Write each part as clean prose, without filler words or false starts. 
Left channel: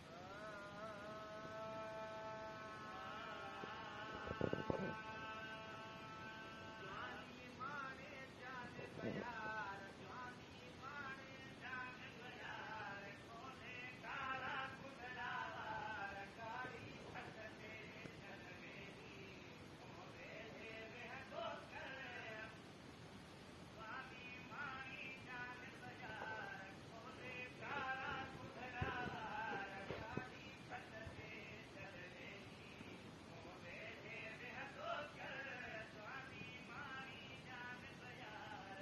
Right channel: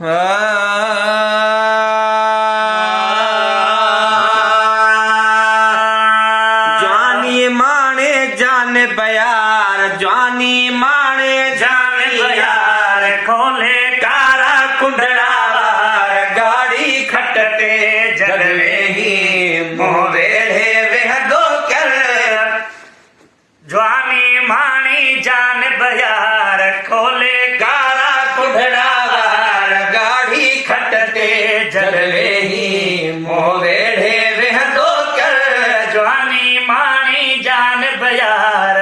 जवानी माने जान बयार, जवानी माने जान बयार, खोले कारा कुंडड़ा वार, गाड़ी खटते जलवे ही मोवेड़े वह दो कर। जवानी मानी जान बयार, खोले कारा कुंडड़ा वार, गाड़ी खटते जलवे ही मोवेड़े वह दो कर। जवानी मानी जान बयार,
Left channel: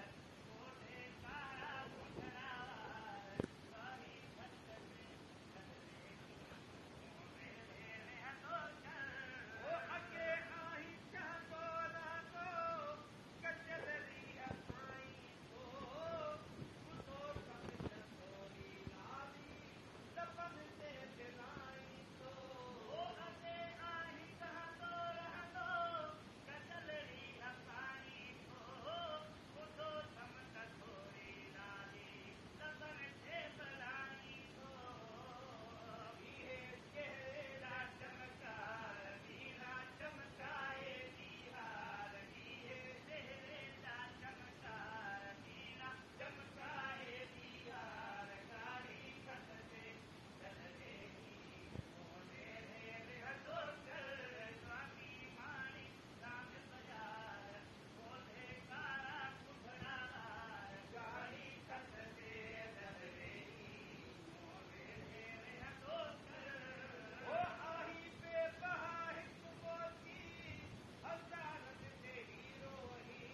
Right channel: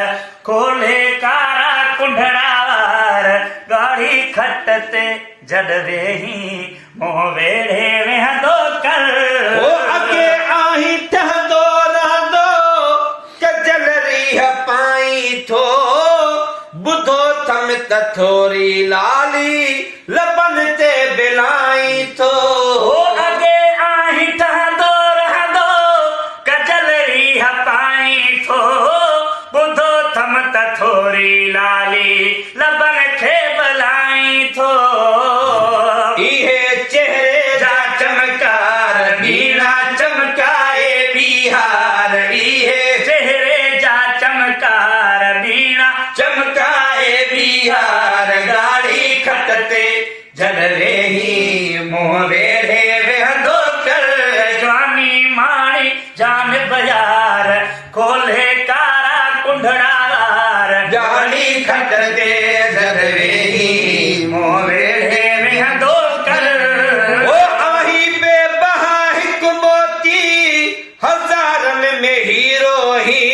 खोले कारा कुंडड़ा वार, गाड़ी खटते जलवे ही मोवेड़े वह दो कर। ओ अगे आही टह दो रह दो कजल रीह पाई थो, बुधो थम तथोरी लाली लबन ते बिलाई थो। ओ अगे आही टह दो रह दो कजल रीह पाई थो, बुधो थम तथोरी लाली लबन थे बलाई थो। इहे चेहरे जा चमकार बीना चमकाए बिहार, इहे चेहरे जा चमकार बीना चमकाए बिहार, गाड़ी खटते जलवे ही मोवेड़े वह दो कर। जवानी माणी जान बयार, खोले कारा कुंडड़ा वार, गाड़ी खटते जलवे ही मोवेड़े वह दो कर। ओ आही बेबहा हिक मोती हजारन में हीरो ही,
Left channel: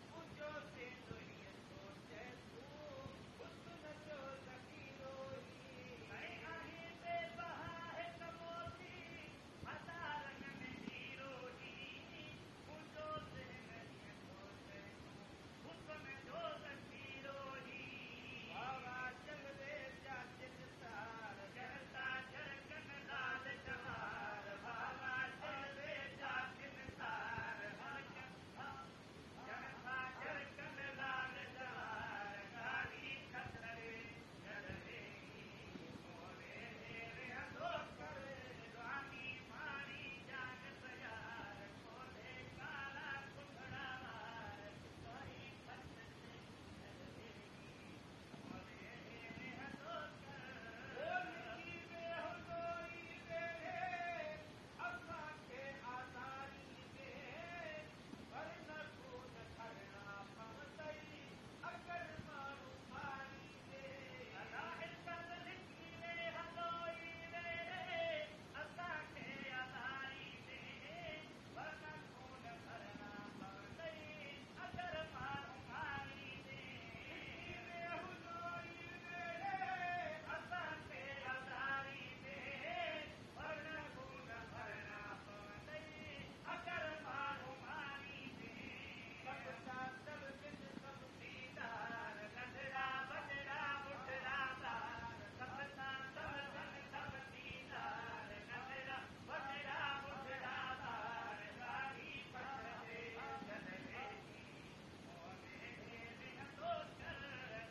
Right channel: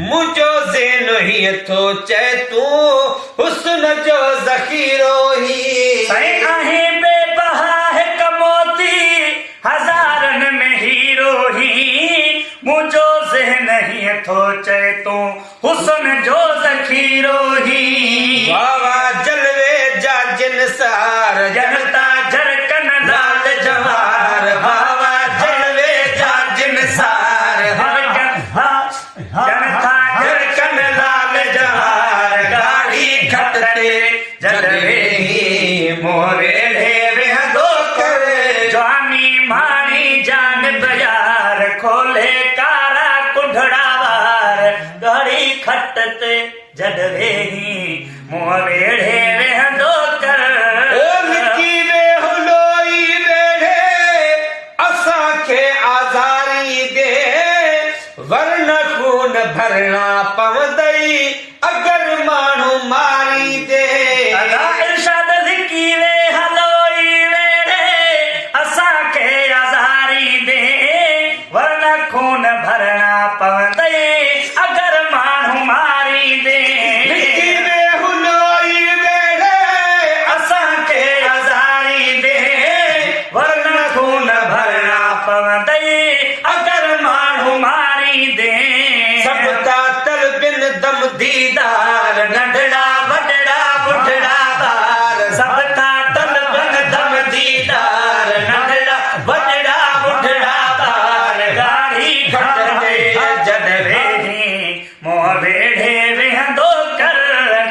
मुझो ज़ेन ही थो चे तू हुस्न जो ज़खीरो ही। सही आहे बेबहा हिक मोती हजारन में हीरो ही, मुझो ज़ेन ही थो चे तू हुस्न जो ज़खीरो ही। वावा जलवे जा जिनसार, जनता झरकन लाल जवार, वावा जलवे जा जिनसार, जनता झरकन लाल जवार, गाड़ी खटते जलवे ही मोवेड़े वह दो कर। जवानी मानी जान बयार, खोले कारा कुंडड़ा वार, गाड़ी खटते जलवे ही मोवेड़े वह दो कर। ओ निकी वे हुलोई वेड़े असांखे आज़ारी दे, वरन खून भरणा पवंदई अगर माण्हू मारी दे। अदा इरशाद लिकी वे हलोई वेड़े असांखे आज़ारी दे, वरन खून भरणा पवंदई अगर माण्हू मारी दे। लिकी वे हुलोई वेड़े असांखे आज़ारी दे, वरन खून भरणा पवंदई अगर माण्हू मारी दे। सब का तलबिन दम दीदार, नंढड़ा वॾड़ा बुढ़ड़ा बार, सब का तलबिन दम दीदार, नंढड़ा वॾड़ा बुढ़ड़ा बार, गाड़ी खटते जलवे ही मोवेड़े वह दो कर।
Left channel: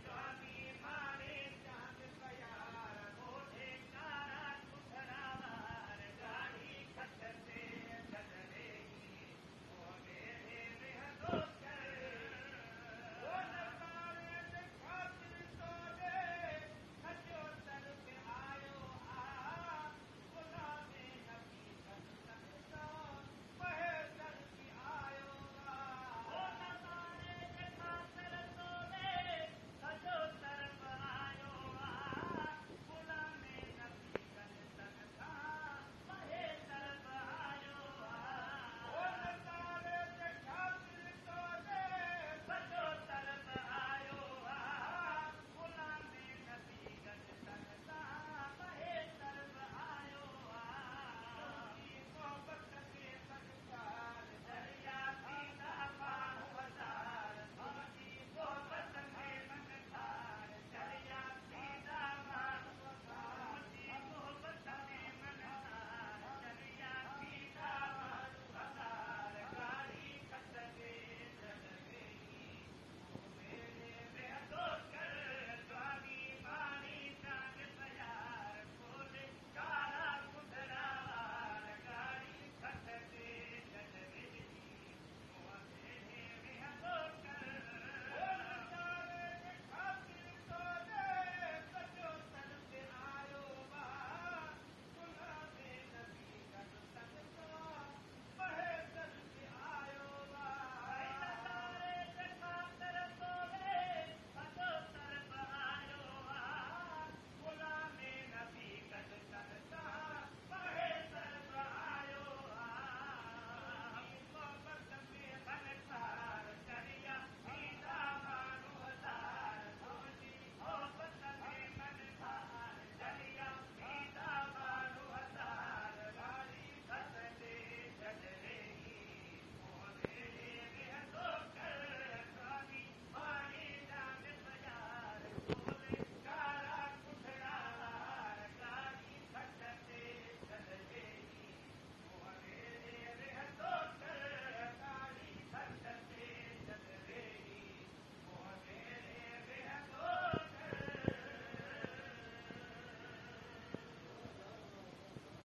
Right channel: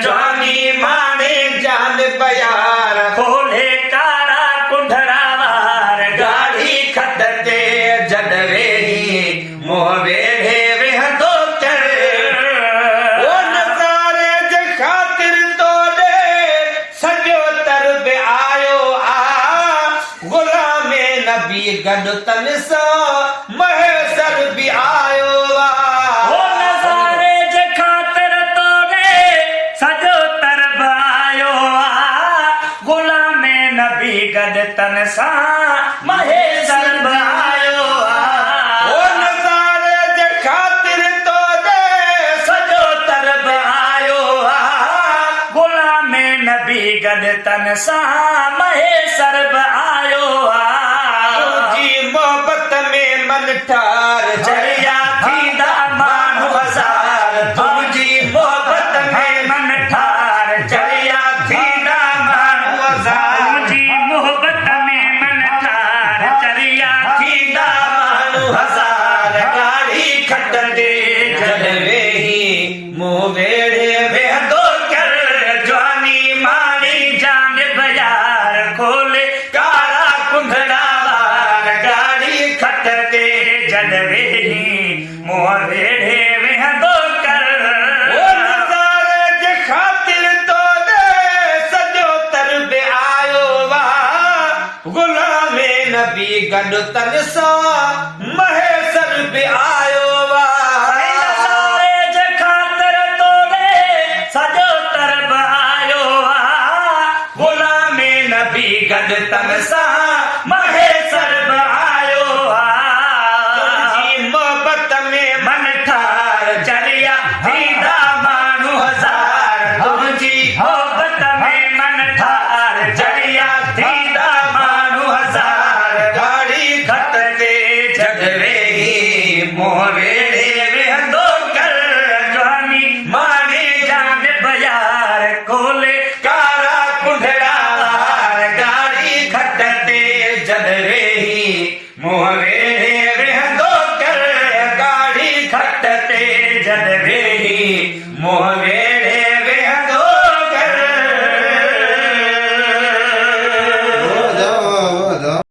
जवानी माने जान बयार, खोले कारा कुंडड़ा वार, गाड़ी खटते जलवे ही मोवेड़े वह दो कर। ओ नज़ारे जे खातिर तोड़े सॼो तरब आयो आ, गुलामे नबी गॾु तन सां महेसर बि आयो आ। ओ नज़ारे जे खातिर तोड़े सॼो तरब आयो आ, गुलामे नबी गॾु तन सां महेसर बि आयो आ। ओ नज़ारे जे खातिर तोड़े सॼो तरब आयो आ, गुलामे नबी गॾु तन सां महेसर बि आयो आ। तुंहिंजी मोहबत में मन ठार जरिया थींदा माण्हू हज़ार, तुंहिंजी मोहबत में मन ठार जरिया थींदा माण्हू हज़ार, तुंहिंजी मोहबत में मन ठार जरिया थींदा माण्हू हज़ार, गाड़ी खटते जलवे ही मोवेड़े वह दो कर। जवानी मानी जान बयार, खोल गुलामे नबी गॾु तन सां महेसर बि आयो वा सारे जे ख़ातिर तोड़े सॼो तरब आयो गुलामे नबी गॾु तन सां महेसर बि आयो मोहबत में मन ठार जरिया थींदा माण्हू हज़ार तुंहिंजी मोहबत में मन ठार जरिया थींदा माण्हू हज़ार गाड़ी घट ते जग वेही मोह वेड़े वेहंदो कर जवानी माणे जान बयार खोले कारा कुंडड़ा गाड़ी घट ते जग वेही मोह वेड़े वेहंदो कर गाड़ी घट ते जग वेही मोह